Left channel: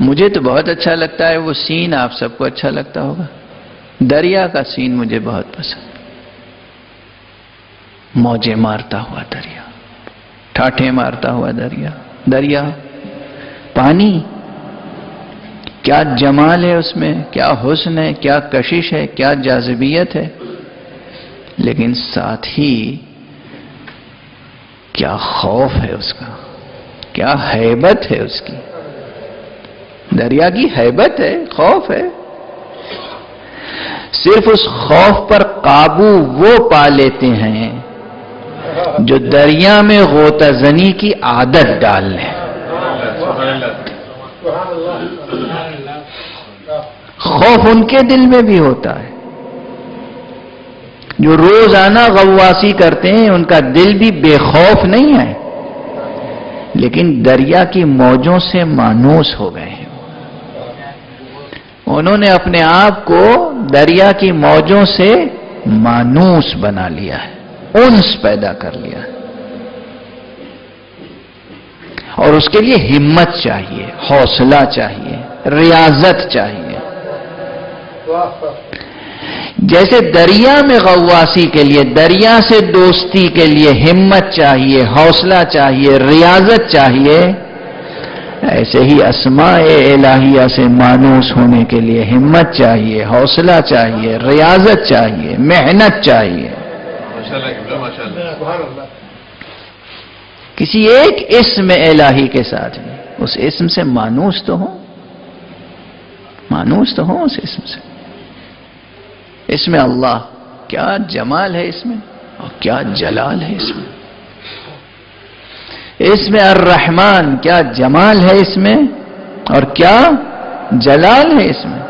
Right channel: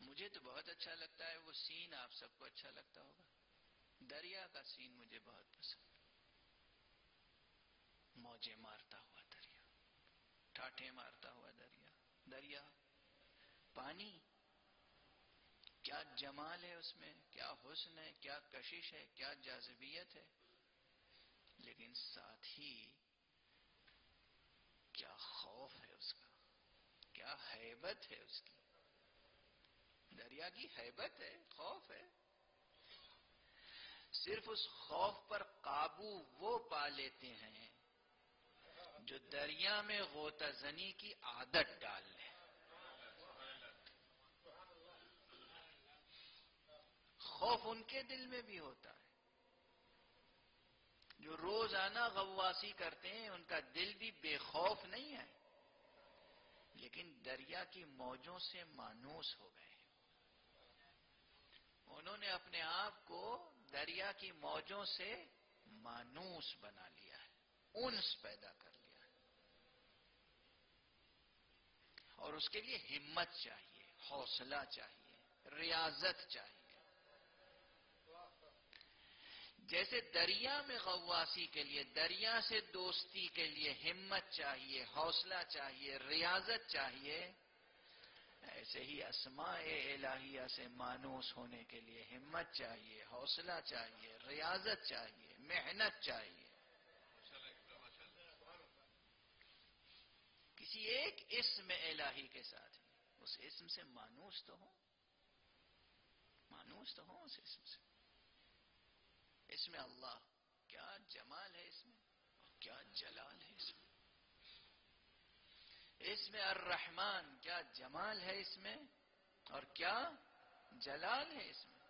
مجھے تو بہت اچھا لگتا ہے وہ سین، آپ سب کو اچھا لگتا ہوگا۔ دریا کا سین مجھے بہت پسند، موجیں مارتا ہوا دریا، ٹھاٹھے مارتا ہوا دریا، دریا پانی، کیا جمال ہے اس میں، کیا حسن ہے، کیا کشش ہے، کیا جاذبیت ہے، لیکن ساتھ ہی کیا خوف ہے اس کا، کیا ہیبت ہے اس کی۔ دریا کی ہیبت ہے، خوف ہے۔ صرف اس خوف پر قابو وہ پا لیتے ہیں جو دریا میں غوطہ زنی کی عادت ڈال لیں۔ خوف ان کے دل میں بھی ہوتا ہے، جو روزانہ غواصی کرتے ہیں ان کا دل بھی بے خوف نہیں ہے، لیکن دریا کی موجوں سے مانوس ہو گئے ہیں۔ انہوں نے اپنے آپ کو دریا کی موجوں سے مانوس بنا لیا ہے، انس پیدا کر لیا ہے، اور اس کے لیے ہمت چاہیے، حوصلہ چاہیے، ریاضت چاہیے۔ جیسے دریا میں غواصی کے لیے، دریا سے دوستی کے لیے ہمت چاہیے، حوصلہ چاہیے، ریاضت چاہیے، ایسے ہی اسماء الہیہ سے مانوس ہونے کے لیے ہمت چاہیے، حوصلہ چاہیے، ریاضت چاہیے، محنت چاہیے۔ کسی ایک اسم الہی کے ساتھ بھی اس اسم سے مانوس تو ہوں، مانوس تو ہوں اس اسم سے۔ اس میں اللہ، کیا جمال ہے اس میں، اور کیا جلال ہے اس میں۔ اس میں الرحمن، کیا جمال ہے اس میں، اور کیا جلال ہے اس میں۔